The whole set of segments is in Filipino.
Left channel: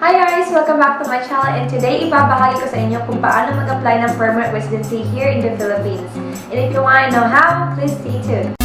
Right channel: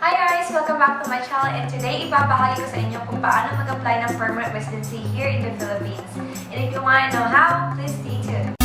Hi guys! Welcome back to my channel, and today ibabahagi ko sa inyo kung paano mag-apply ng permanent residency here in the Philippines. And if you want to know how, please stay tuned.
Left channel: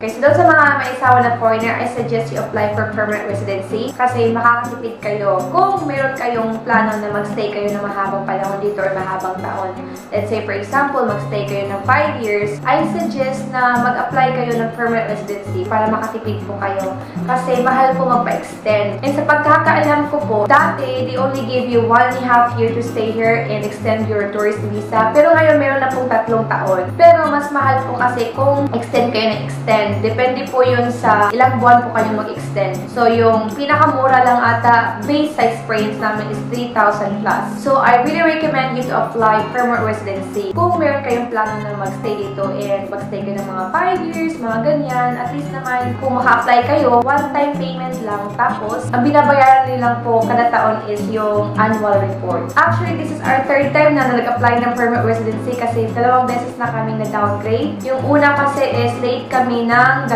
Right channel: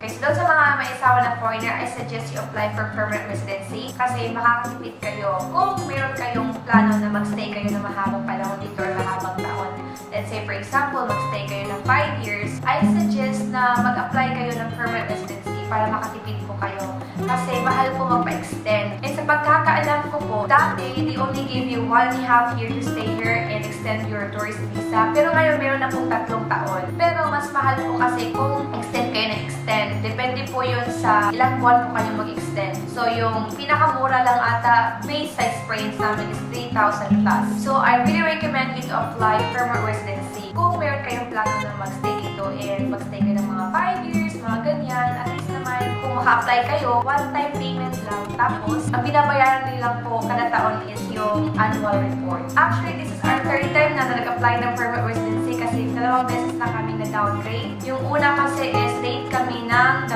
Okay, so doon sa mga may asawa na foreigner, I suggest you apply for permanent residency kasi makakatipid kayo kung meron kayong plano na magstay kayo ng mahabang panahon dito or mahabang taon. Let's say, for example, magstay kayo ng 5 years, I suggest na mag-apply kayo ng permanent residency para makatipid po kayo kasi mahal po magpa-extend. And sa pagkakaalam ko po, dati, they only give you 1.5 year to stay here and extend your tourist visa. Pero ngayon, meron na pong 3 taon. Pero mas mahal po kasi kung extend kayo na extend. Depende po yun sa ilang buwan po kayo mag-extend. So, yung pinakamura lang ata base size experience namin is 3,000 plus. So, I really recommend you to apply permanent residency. Kung meron kayong plano na magstay dito and magstay kayo ng mga 5 years, mga ganyan, at least naman kung maka-apply kayo, one-time payment lang. Tapos, ang binabayaran nilang po kada taon is yung annual report. Actually, this is our 3rd time na nag-apply ng permanent residency kasi 2 beses na kami na-downgrade. Yung una kasi is late kami ng 2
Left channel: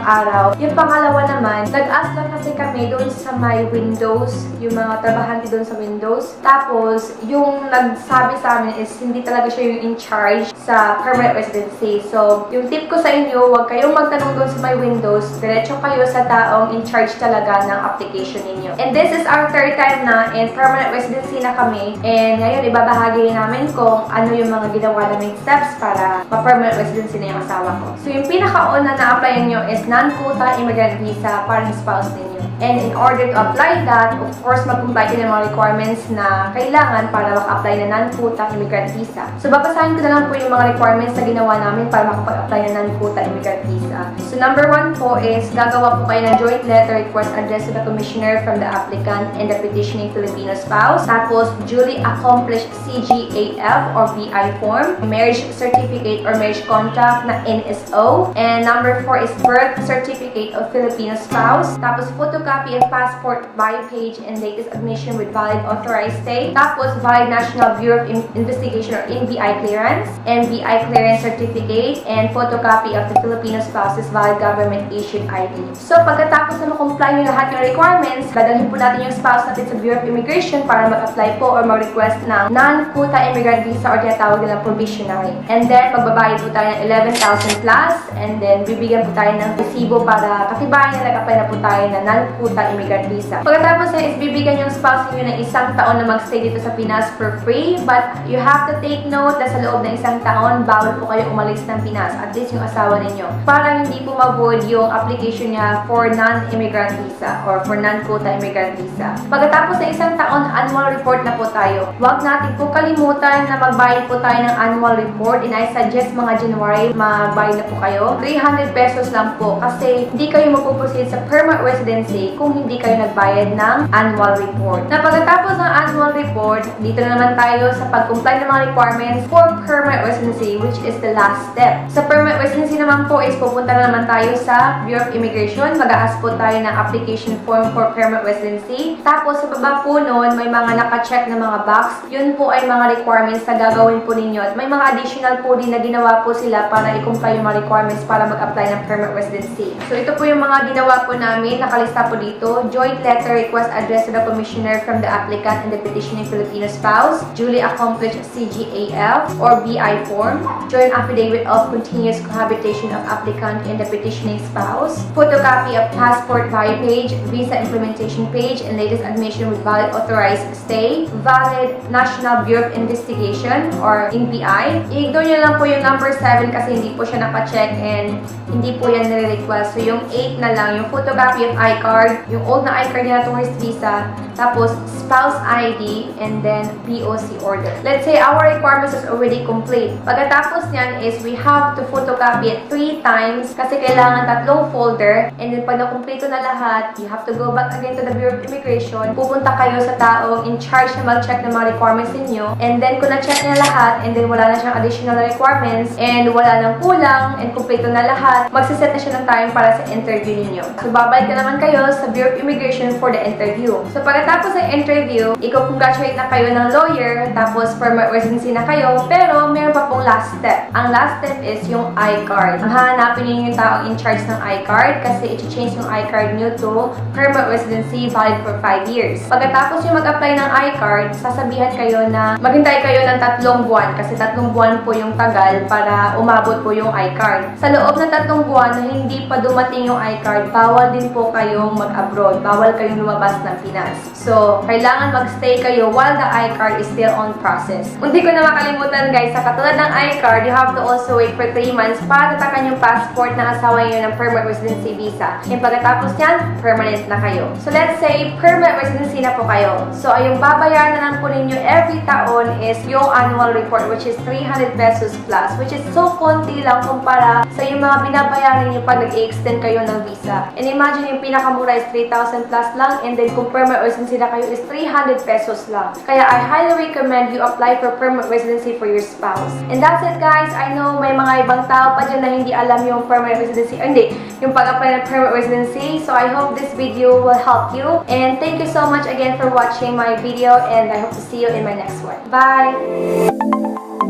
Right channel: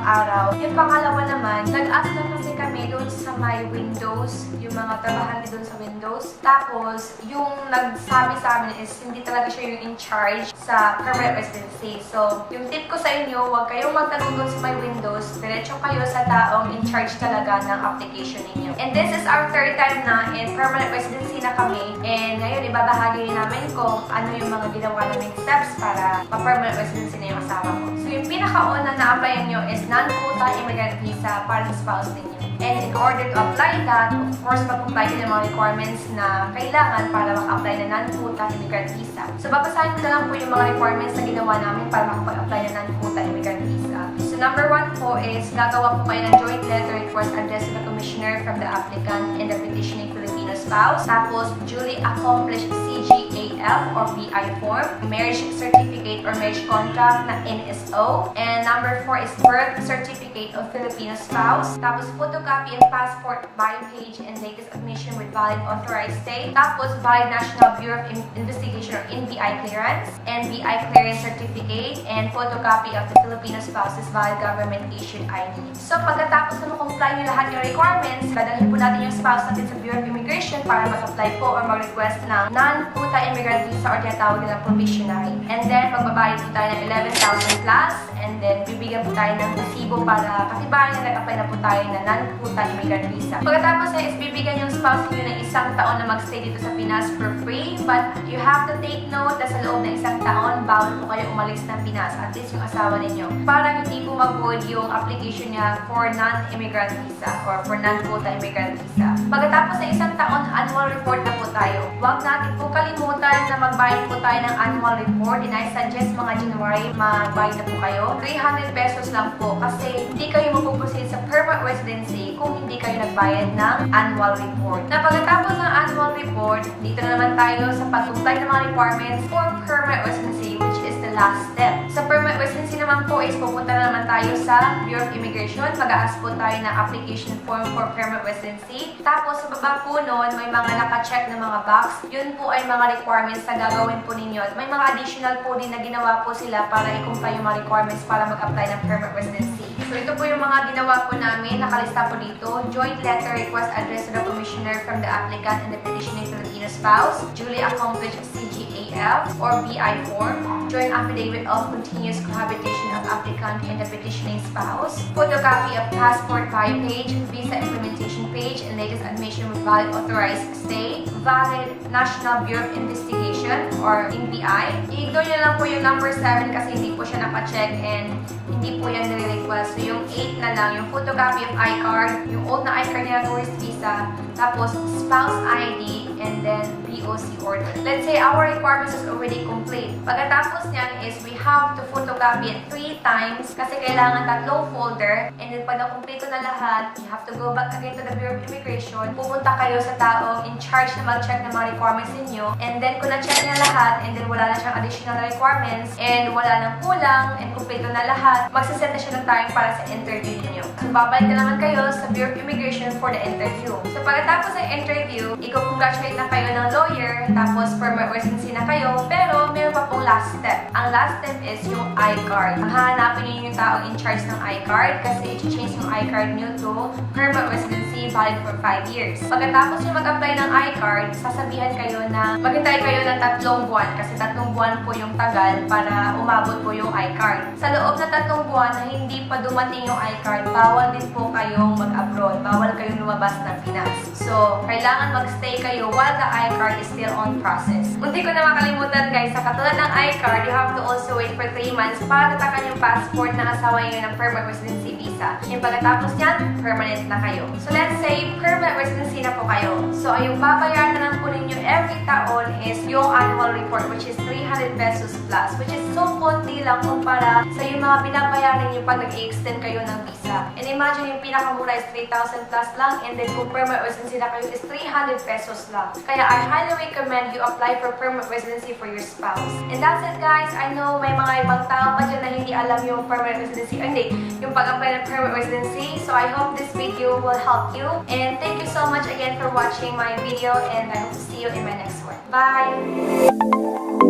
araw. Yung pangalawa naman, nag-ask lang kasi kami doon sa my Windows, yung mga trabahante doon sa Windows. Tapos, yung nagsabi sa amin is hindi talaga siya yung in charge sa permanent residency. So, yung tip ko sa inyo, huwag kayong magtanong doon sa my Windows. Diretso kayo sa taong in charge talaga ng application ninyo. And this is our 3rd time na in permanent residency na kami. And ngayon, ibabahagi namin kung ano yung mga ginawa naming steps para ma-permanent residency na yung asawa ko. So, yung pinakauna na-applyan nyo is non-quota immigrant visa para sa spouse ninyo. And in order to apply that, of course, mag-comply kayo ng mga requirements na kailangan para maka-apply na non-quota immigrant visa. So, babasahin ko na lang po yung mga requirements na ginawa namin para makapag-apply na non-quota immigrant visa. So, number 1 po is gagawa po kayo ng joint letter request addressed to the commissioner from the applicant and the petitioning Filipino spouse. Tapos, duly accomplished CGAF or BI form, marriage certificate or marriage contract na NSO. And number 4 is birth certificate of Filipino spouse. Tapos, photocopy of passport, bio page, and latest admission with valid authorized stay. Tapos, valid National Bureau of Investigation or NBI clearance, NBI clearance certificate, and photocopy of the Filipino spouse's valid government-issued ID. So, pagkatapos na makomply nyo lahat ng requirements, dadalhin po natin yung spouse natin sa Bureau of Immigration para mag-apply po or mag-request ng non-quota immigrant visa or tinatawag nilang probationary. And then, magbabayad po tayo ng 11,000 plus, and then, bibigyan po tayo ng resibo para katibayan na nag-apply na po tayo na non-quota immigrant visa. Pagkatapos is bibigyan yung spouse niyo ng 1 taon na magstay dito sa Pinas for free, but you have to take note na sa loob ng 1 taon, bawal po kayo umalis ng Pinas, at least yung asawa ninyo, para hindi po mag-board yung application niya for non-immigrant visa or for non-quota immigrant visa. Pagkatapos ng 1 taon, annual report na po tayo. Huwag natin po kalimutan na magbayad po tayo ng annual report, and I suggest mga January, magbayad na po kayo. 300 pesos lang po kasi hindi kayo mapuproceed sa permanent residency kung hindi kayo nagbayad ng annual report. Na pagkatapos ng annual report, dito na naman tayo sa pag-comply ng mga requirements for permanent residency, which is the last step. Sa permanent residency naman po is pupunta na naman tayo sa Bureau of Immigration. Mag-a-ask po tayo ng application form for permanent residency. Tapos sa baba po noon, may mga naka-check na mga box. Yun po ay mga requirements na gagawin po ninyo. At may mga additional po din na ginawa po sila para i-comply yung mga requirements para mag-apply ng permanent residency. So ito po yung mga ginawa po namin. Nakalista po dito. Joint letter request addressed to the commissioner from the applicant and the petitioning Filipino spouse. Duly accomplished CGAF or BI form. Joint affidavit of continuous cohabitation of applicant and the petitioning spouse. Photocopy of passport bio page, visa implementation page, and latest admission with valid authorized stay. Valid National Bureau of Investigation or NBI. I-ignore nyo lang po yung number 7 kasi hindi po siya naka-check and hindi po yan nire-request. So yung 8 na lang, yung photocopy of I-card, yung old na I-card niya na tourist visa, tapos spouse ID, and then POC order. Let's say our requirements is already complete. Pagkatapos niyan is we have to photocopy it 3 times kasi kailangan 3 folder, and then pag nakumpleto na lahat, you have to go back again to the Bureau of Immigration. Pupunta kayo sa taong in charge na mag-check ng mga requirements ninyo, and then kung na-check niya lahat, and then wala na siyang additional requirements, and wala nang kulang, and kumpleto na lahat, magsiset na siya ng time para sa interview ninyo. So, babalik na naman kayo sa Bureau of Immigration for the interview. So, pagkatapos ng interview, i-congratulate na kayo ng lawyer, tapos permanent residency na kayo, pero meron pa pong last step. Ang last step is yung I-card. Ang hahanapin niyo yung taong in charge ng I-card kasi i-change yung I-card nyo to permanent residency valid for 5 years. Pagkatapos yung mag-apply ng I-card, sasabihan kayo na maghintay kayo ng 3 buwan kasi 3 buwan po yung tagal para umabot po yung I-card. Sa loob ng 3 buwan na hindi pa dumating yung I-card, bawal din po kayong mag-abroad. Bawal kayong lumabas ng Pinas. So, kailangan mag-stay kayo while the I-card is still on process. Hindi ko na makalimutan guys, sa katulad ng I-card, you have to also wait for 3 months para tatakan yung passport ng asawa niyo ng permanent residency visa. And pagkatapos niyan, permanent na kayo. So, let's say, permanent residency na po kayo. So, yung babayaran na lang po ninyo every taon is yung annual report which is 300 pesos plus, which is so konti lang kumpara sa yung mga binabayaran niyo pag nag-extend kayo ng visa. And imagine yung pinakamura is 3,000 plus lang, and then kung permanent residency na kayo is 300 pesos lang. Kaya I highly recommend you apply for permanent residency for your spouse. And that's it guys. I know may mga ibang tao pa dyan na hindi alam yung permanent residency, hindi, yung pag-apply ng permanent residency. So I hope this video will help you. And thank you so much again for watching my video, and I hope to see you in my next one. Bye!